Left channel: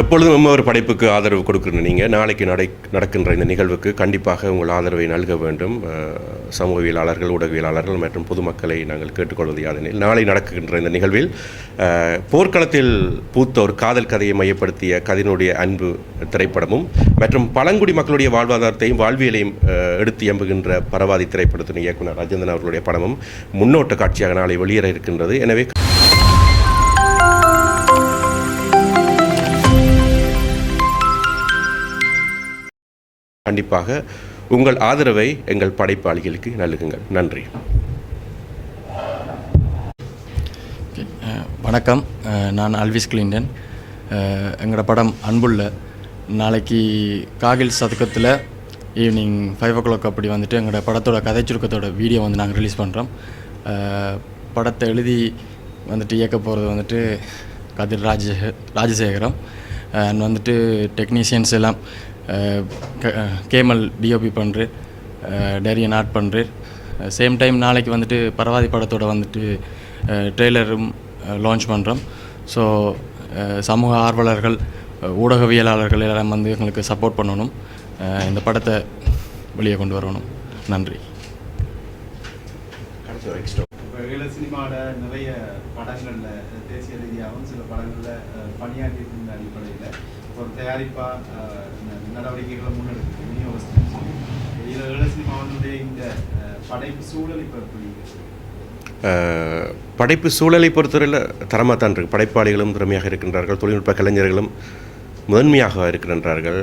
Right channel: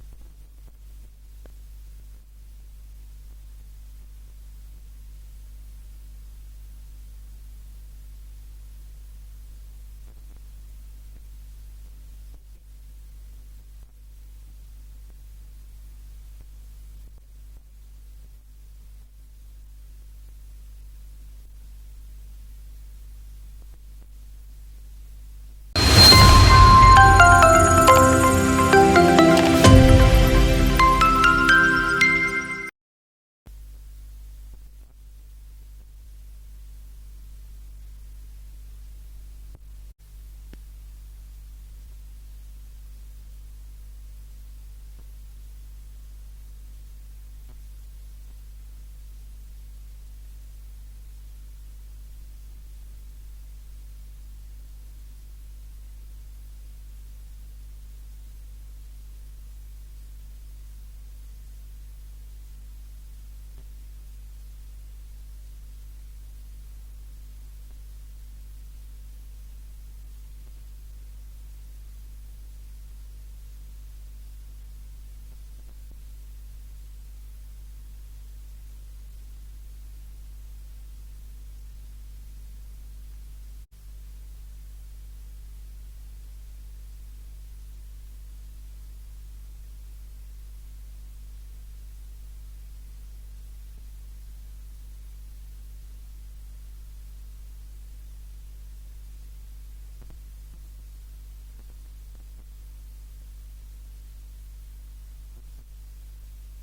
எப்பொழுதும் ஒரு படைப்புக்கு ஆதரவு கொடுக்குற நீங்கள் நாளைக்கு நடக்கின்ற இந்த நிகழ்வுக்கு கண்டிப்பாக உங்கள் ஆதரவை நல்க வேண்டும். சமூகவியலாளர்கள், ஊடகவியலாளர்கள் மற்றும் பொதுமக்களை நாங்கள் கேட்டுக்கொள்வது யாதெனில், நாளை நடக்கின்ற இந்த நிகழ்வில் போர்க்களத்தில் பூத்த ஒரு காதல் கதையை மையப்படுத்திய கதினுடைய அன்பு திரைப்படமும் மற்றும் பழங்குடி மக்களுடைய வாழ்வாதாரத்தையும் வாழ்வியலையும் எடுத்து எம்புகின்ற பரவாதி திரைப்படத்தின் இயக்குனர் ராஜேந்திரன் அவர்களுடைய படமும் முன்னோட்ட காட்சியாக நாளை வெளியேற இருக்கின்றது. எனவே கண்டிப்பாக உங்கள் ஆதரவை எங்கள் படைப்பாளிகளுக்கு நல்குங்கள். நன்றி. வணக்கம், நான் அல்விஸ் கிளின்டன். எங்களோட படம் அன்புள்ள நாளைக்கு காகில் சதுக்கத்தில் ஈவினிங் 5 o'clock அப்படி வந்துட்டு எங்களோட படத்தோட கதை சுருக்கத்தோட வீடியோ வந்து நாங்கள் ரிலீஸ் பண்ணுறோம். படத்தை எழுதி வந்துட்டு இயக்க போகிறது வந்துட்டு கதிர் ராஜசேகரம் அண்ட் வந்துட்டு டெக்னீஷியன்ஸ் எல்லாம் கேமல் டிஓபி பண்ணுறேன், டேரியன் ஆர்ட் பண்ணுறேன். சேம் டைம் நாளைக்கு வந்துட்டு பரவாதி படத்தோட வந்துட்டு ட்ரெய்லரும் லான்ச் பண்ணுறோம். ஸோ சமூக ஆர்வலர்கள், ஊடகவியலாளர்கள் எல்லாம் வந்து எங்களுக்கு சப்போர்ட் பண்ணணும், இந்த படத்தை வெளியே கொண்டு வரணும். நன்றி. சினிமாவோட நிறைய படங்களில் தேசிய ரீதியாகவும் சில படங்களில் பணியாற்றியிருந்த அடிப்படையில் ஒரு தயாரிப்பாக நடவடிக்கைகளை முன்னெடுக்குது விநியோகஸ்தம். இதில் சினிமாவுடைய இந்த படைப்பு சூழல் இப்போ எப்படி? படைப்பு சூழலை பொறுத்தவரையில் தரமாக தான் இருக்குது. படைப்பாளிகளும் திறமையாக இருக்கின்றார்கள், தொழில்நுட்ப கலைஞர்களும் முதன்மையாக இருக்கின்றார்கள்.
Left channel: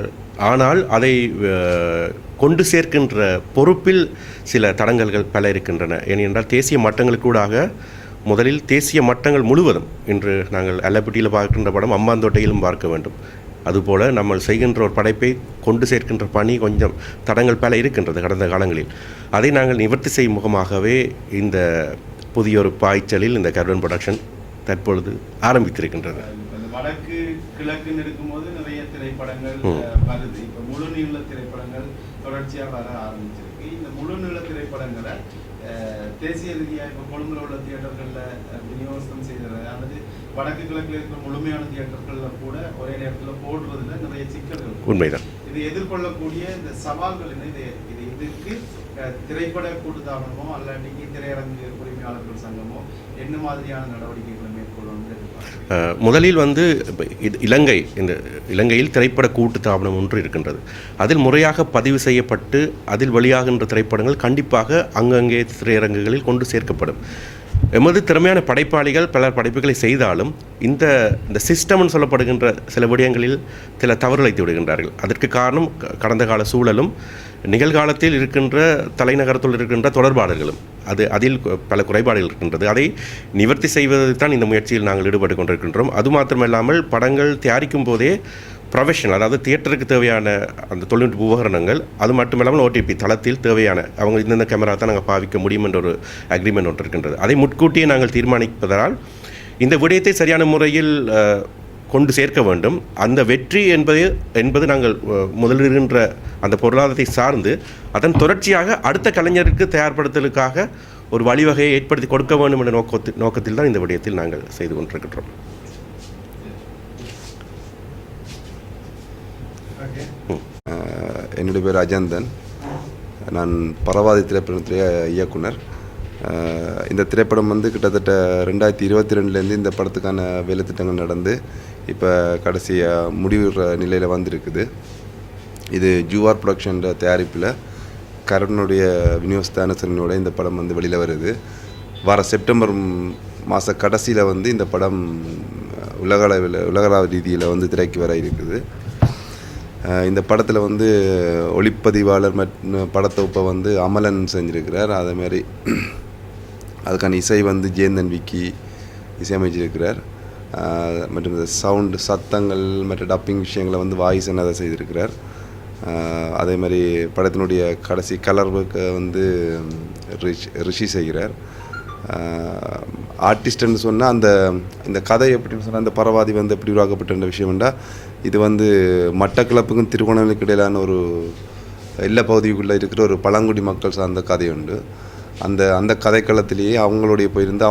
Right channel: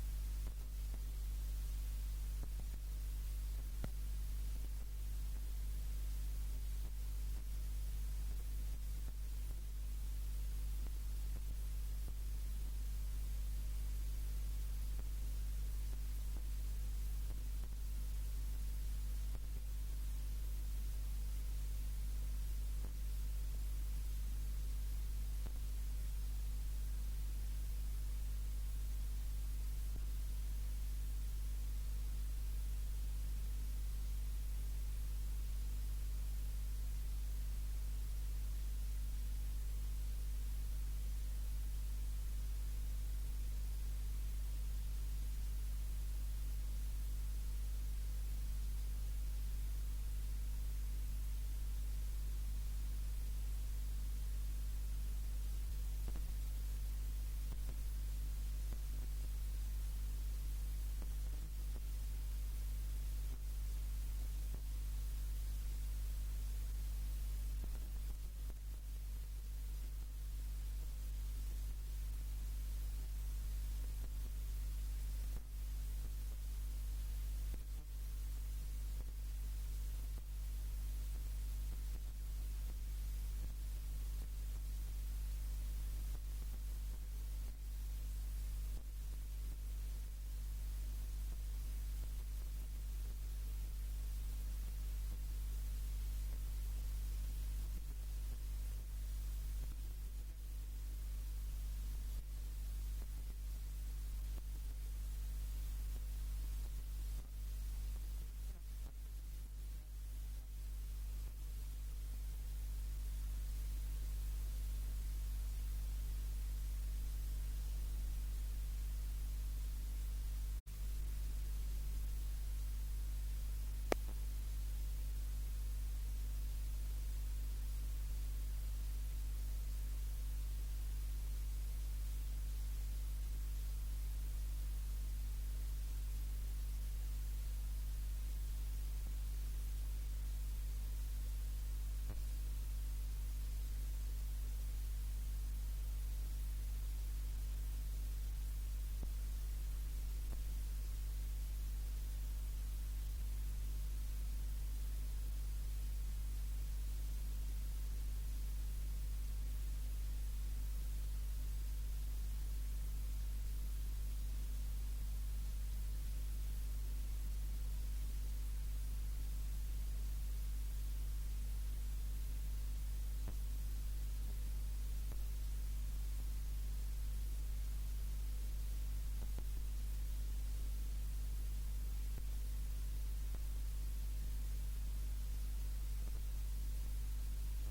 ஆனால் அதை கொண்டு சேர்க்கின்ற பொறுப்பில் சில தடங்கல்கள் பல இருக்கின்றன. ஏனென்றால் தேசிய மட்டங்களுக்கூடாக முதலில் தேசிய மட்டங்கள் முழுவதும் இன்று நாங்கள் அல்லப்பட்டியில் பார்க்கின்ற படம் அம்பாந்தோட்டையிலும் பார்க்க வேண்டும். அதுபோல் நம்ம செய்கின்ற ஒரு படைப்பை கொண்டு சேர்க்கின்ற பணி கொஞ்சம் தடங்கள் பல இருக்கின்றது கடந்த காலங்களில். அதை நாங்கள் நிவர்த்தி செய்யும் முகமாகவே இந்த புதிய ஒரு பாய்ச்சலில் இந்த கர்வன் ப்ரொடக்ஷன் தற்பொழுது ஆரம்பித்திருக்கின்றது. வடக்கு கிழக்குன்னு இருக்கும்போது நிறைய திரைப்படங்கள் வருது. இப்போ முழு நீள திரைப்படங்கள் தொடர்ச்சியாக வர ஆரம்பிச்சிருக்கு. இந்த முழு நீள திரைப்படங்களை தேசிய ரீதியாக இப்போ கொழும்புல உள்ள தியேட்டர்களில் விநியோகம் செய்கிறது அல்லது வடக்கு கிழக்கில் இருக்கிற முழுமையான தியேட்டர்களில் கூட ஒரே நேரத்தில் போடுறதுல நிறைய சிக்கல்கள் உண்மைதான். இது எதிர்கொள்ளக்கூடிய இந்த சவால்கள் என்ன? இதுக்கு திரைப்பட கூட்டுத்தாபனமோ அல்லாட்டிக்கு திரையரங்கு உரிமையாளர்கள் சங்கமோ என்ன மாதிரியான நடவடிக்கைகளை மேற்கொள்ளணும்? முதலில் இலங்கையில் திரைப்பட கூட்டுத்தாபனம் ஒன்று இருக்கின்றது. அதில் முறையாக பதிவு செய்யப்பட்டு அதில் வெளியாகின்ற திரைப்படங்கள் கண்டிப்பாக அங்கங்கே திரையரங்குகளில் கொண்டு சேர்க்கப்படும். எமது திறமையான படைப்பாளிகள் பல படைப்புகளை செய்தாலும் இந்த சிஸ்டம்னு சொல்லப்படுகின்ற சில விடயங்களில் சில தவறுழைத்து விடுகின்றார்கள். அதற்கு காரணம் கடந்த கால சூழலும் நிகழ்காலத்தில் இருக்கின்ற தலைநகரத்தில் இருக்கின்ற தொடர்பாளர்களும் அதில் பல குறைபாடுகள் இருக்கின்றது. அதை நிவர்த்தி செய்வதற்கு தான் இந்த முயற்சியில் நாங்கள் ஈடுபட்டு கொண்டிருக்கின்றோம். அது மாத்திரமல்லாமல் படங்கள் தயாரிக்கும் போதே ப்ரொஃபஷனல், அதாவது தியேட்டருக்கு தேவையான அந்த தொழில்நுட்ப உபகரணங்கள், அது மட்டுமில்லாமல் ஓடிபி தளத்தில் தேவையான அவங்க இந்தந்த கேமரா தான் நாங்கள் பாவிக்க முடியும் என்ற ஒரு அக்ரிமெண்ட் ஒன்று இருக்கின்றது. அதை முன்கூட்டியே நாங்கள் தீர்மானிப்பதால் இந்த விடயத்தை சரியான முறையில் கொண்டு சேர்க்க வேண்டும். அந்த வெற்றி என்பது நாங்கள் முதலிடுகின்ற அந்த பொருளாதாரத்தை சார்ந்து அதன் தொடர்ச்சியாக அடுத்த கலைஞருக்கு தயார்படுத்தலுக்காக ஒரு வழிவகையை ஏற்படுத்தி கொடுக்க வேண்டும் என்ற நோக்கத்தில் தான் இந்த விடயத்தில் நாங்கள் செய்து கொண்டிருக்கின்றோம். என்னுடைய பேர் அஜந்தன். நான் பரவாதி திரைப்படத்துடைய இயக்குனர். இந்த திரைப்படம் வந்து கிட்டத்தட்ட 2022 இந்த படத்துக்கான வேலை திட்டங்கள் நடந்து இப்போ கடைசியாக முடிவுற நிலையில் வந்திருக்குது. இது ஜூஆர் ப்ரொடக்ஷன் தயாரிப்பில் கரனுடைய விநியோகஸ்தானசனோட இந்த படம் வந்து வெளியில் வருது. வர செப்டம்பர் மாத கடைசியில் வந்து இந்த படம் உலகள ரீதியில் வந்து திரைக்கு வர இருக்குது. இந்த படத்தில் வந்து ஒளிப்பதிவாளர் மற்றும் படத்தொப்பை வந்து அமலன் செஞ்சுருக்கிறார். அதேமாதிரி அதுக்கான இசை வந்து ஜேந்தன் விக்கி இசையமைச்சிருக்கிறார். மற்றும் இந்த சவுண்டு சத்தங்கள் மற்ற டப்பிங் விஷயங்களை வந்து வாய்ஸ் என்னதை செய்திருக்கிறார். அதே மாதிரி படத்தினுடைய கடைசி கலர் ஒர்க்கை வந்து ரிஷி செய்கிறார். ஆர்டிஸ்ட்னு சொன்னால் இந்த கதை எப்படின்னு சொன்னால் அந்த பரவாதி வந்து எப்படி உருவாக்கப்பட்ட விஷயம்டா, இது வந்து மட்டக்களப்புக்கும் திருகோணமலைக்கு இடையிலான ஒரு எல்லா பகுதிக்குள்ளே இருக்கிற ஒரு பழங்குடி மக்கள் சார்ந்த கதை உண்டு. அந்த கதைக்களத்திலேயே அவங்களுடைய போயிருந்து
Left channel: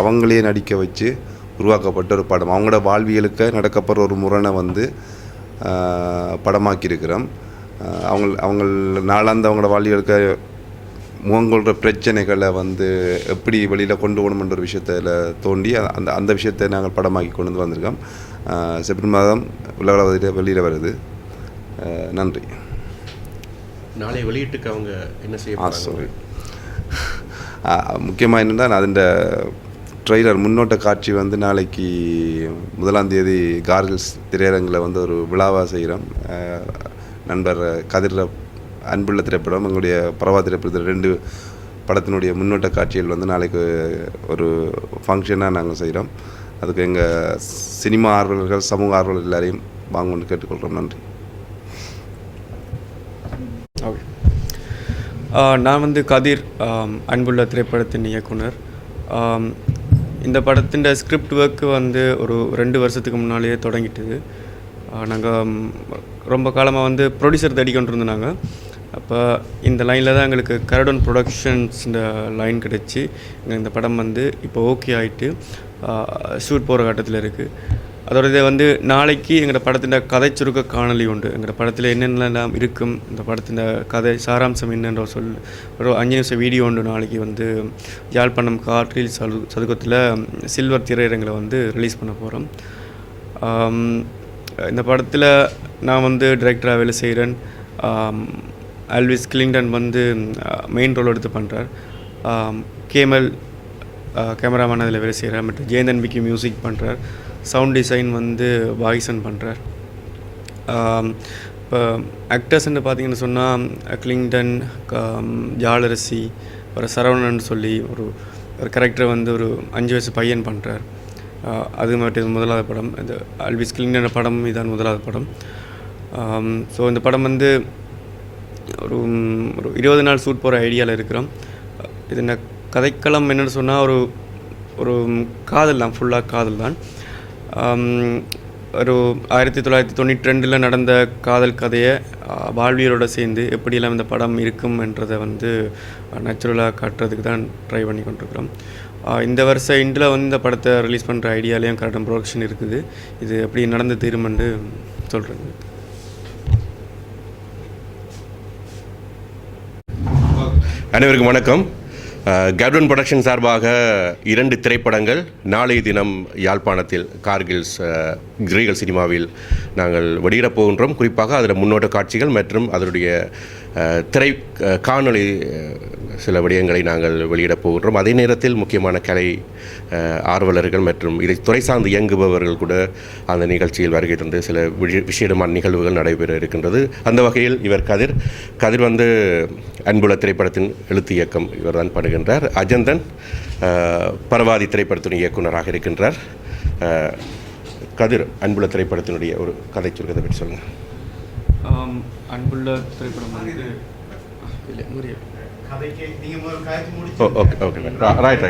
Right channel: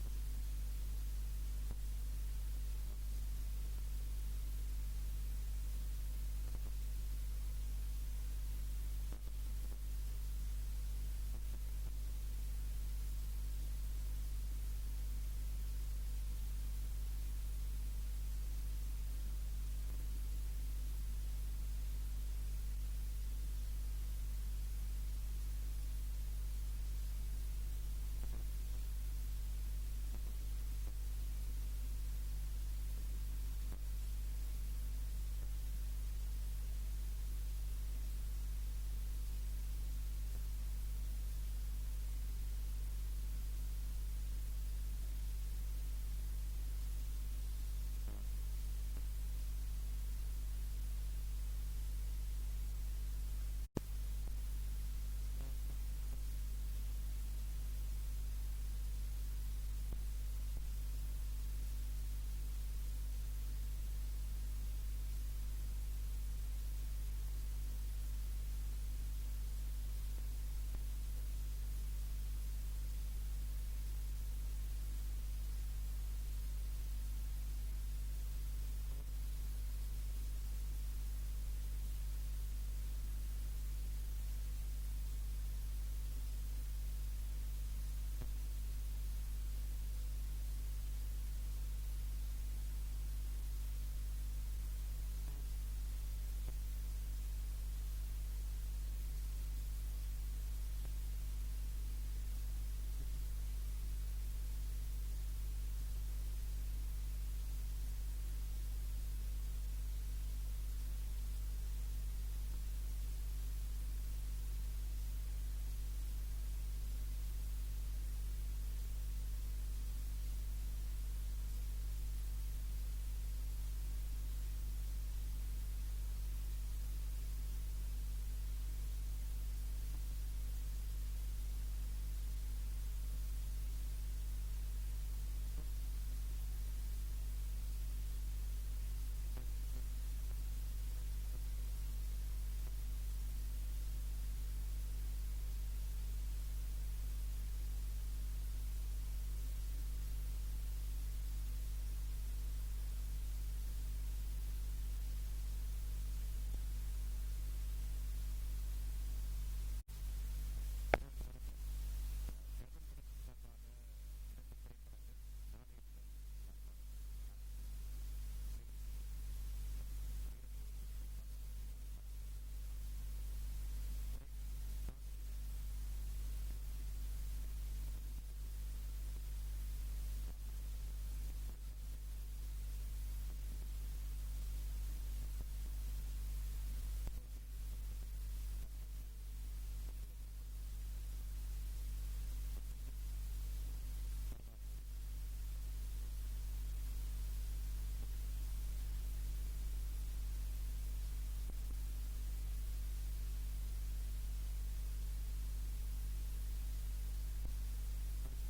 அவங்களையே நடிக்க வச்சு உருவாக்கப்பட்ட ஒரு படம். அவங்களோட வாழ்வியலுக்கு நடக்கப்படுற ஒரு முரணை வந்து படமாக்கியிருக்கிறோம். அவங்க நாளாந்த அவங்களோட வாழ்வியலுக்கு முகங்கொள்கிற பிரச்சனைகளை வந்து எப்படி வெளியில் கொண்டு போகணுன்ற ஒரு விஷயத்தில் தோண்டி அந்த விஷயத்தை நாங்கள் படமாக்கி கொண்டு வந்திருக்கோம். செப்டம்பர் மாதம் உலகளவில் வெளியில் வருது. நன்றி. நாளை வெளியீட்டுக்கு அவங்க என்ன செய்ய சாரி, முக்கியமாக என்னென்னா அதன் ட்ரெய்லர் முன்னோட்ட காட்சி வந்து நாளைக்கு 1ஆம் தேதி கார்கில்ஸ் திரையரங்கில் வந்து ஒரு விழாவாக செய்கிறோம். நண்பர் கதிர அன்புள்ள திரைப்படம், எங்களுடைய பரவா திரைப்படத்தில் 2 படத்தினுடைய முன்னோட்ட காட்சிகள் வந்து நாளைக்கு ஒரு ஃபங்க்ஷனாக நாங்கள் செய்கிறோம். அதுக்கு எங்கள் சினிமா ஆர்வலர்கள், சமூக ஆர்வலர்கள் எல்லாரையும் வாங்கணும்னு கேட்டுக்கொள்கிறோம். நன்றி. ஓகே, நான் வந்து கதிர், அன்புள்ள திரைப்படத்தின் இயக்குனர். இந்த படத்தின் ஸ்கிரிப்ட் ஒர்க்கு வந்து ஒரு 2 வருஷத்துக்கு முன்னாலேயே தொடங்கிட்டுது. நாங்கள் ரொம்ப காலமாக வந்து ப்ரொடியூசர் தேடி கொண்டு இருந்தாங்க. அப்போ இந்த லைனில் தான் எங்களுக்கு கரடோன் ப்ரொடக்ஷன்ஸ் இந்த லைன் கிடச்சி இந்த படம் வந்து இப்போ ஓகே ஆகிட்டு ஷூட் போகிற கட்டத்தில் இருக்குது. அதோட இதை வந்து நாளைக்கு எங்களோட படத்தின் கதை சுருக்க காணொலி உண்டு. எங்களோட படத்தில் என்னென்னலாம் இருக்கும், இந்த படத்தின் கதை சாராம்சம் என்னன்ற ஒரு 5 நிமிஷம் வீடியோ உண்டு. நாளைக்கு வந்து யாழ்ப்பாணம் காற்றில் சதுக்கத்தில் சில்வர் திரையரங்கில் வந்து ரிலீஸ் பண்ண போகிறோம். இந்த படத்தில் நான் வந்து டைரக்டராக வேலை செய்கிறேன். ஆல்விஸ் கிளிங்டன் வந்து மெயின் ரோல் எடுத்து பண்ணுறார். கேமல் கேமராமேன் அதில் வேலை செய்கிறார். மற்றும் ஜெயந்தன் விக்கி மியூசிக் பண்ணுறார். சவுண்ட் டிசைன் வந்து பாய்சன் பண்ணுறார். இப்போ ஆக்டர்ஸ்ன்னு பார்த்தீங்கன்னு சொன்னால் கிளிங்டன், ஜாலரசி, ஒரு சரவணன் சொல்லி ஒரு கேரக்டர் வந்து ஒரு 5 வயசு பையன் பண்ணுறார். அது மட்டும் முதலாவது படம். இந்த ஆல்விஸ் கிளிங்டன் படம் இதான் முதலாவது படம். ஸோ இந்த படம் வந்து ஒரு 20 நாள் ஷூட் போகிற ஐடியாவில் இருக்கிறோம். இது என்ன கதைக்களம் என்னென்னு சொன்னால் ஒரு காதல் தான், ஃபுல்லாக காதல் தான். ஒரு 1992 நடந்த காதல் கதையை வாழ்வியலோடு சேர்ந்து எப்படியெல்லாம் இந்த படம் இருக்கும் என்றதை வந்து நேச்சுரலாக காட்டுறதுக்கு தான் ட்ரை பண்ணி கொண்டிருக்கிறோம். இந்த வருஷம் இண்டில் வந்து இந்த படத்தை ரிலீஸ் பண்ணுற ஐடியாலேயும் கரெக்டாக ப்ரொடக்ஷன் இருக்குது. இது எப்படி நடந்து தீருமென்று சொல்கிறேங்க. அனைவருக்கும் வணக்கம். கருடன் ப்ரொடக்ஷன் சார்பாக 2 திரைப்படங்கள் நாளைய தினம் யாழ்ப்பாணத்தில் கார்கில்ஸ் ரீகல் சினிமாவில் நாங்கள் வெளியிடப் போகின்றோம். குறிப்பாக அதில் முன்னோட்ட காட்சிகள் மற்றும் அதனுடைய காணொளி சில விடயங்களை நாங்கள் வெளியிடப் போகின்றோம். அதே நேரத்தில் முக்கியமான கலை ஆர்வலர்கள் மற்றும் இதை துறை சார்ந்து இயங்குபவர்கள் கூட அந்த நிகழ்ச்சியில் வருகை தந்து சில விஷயமான நிகழ்வுகள் நடைபெற இருக்கின்றது. அந்த வகையில் இவர் கதிர் வந்து அன்புள்ள திரைப்படத்தின் எழுத்து இயக்கம் இவர் தான் பண்ணுகின்றார். அஜந்தன் பரவாதி திரைப்படத்தின் இயக்குனராக இருக்கின்றார். கதிர், அன்புள்ள திரைப்படத்தினுடைய ஒரு கதை சுருக்கத்தை பற்றி சொல்லுங்கள். அன்புள்ள திரைப்படம் வந்து கதைக்கு நீங்கள் ஒரு காய்ச்சி முடிச்சு ஓகே ரைட்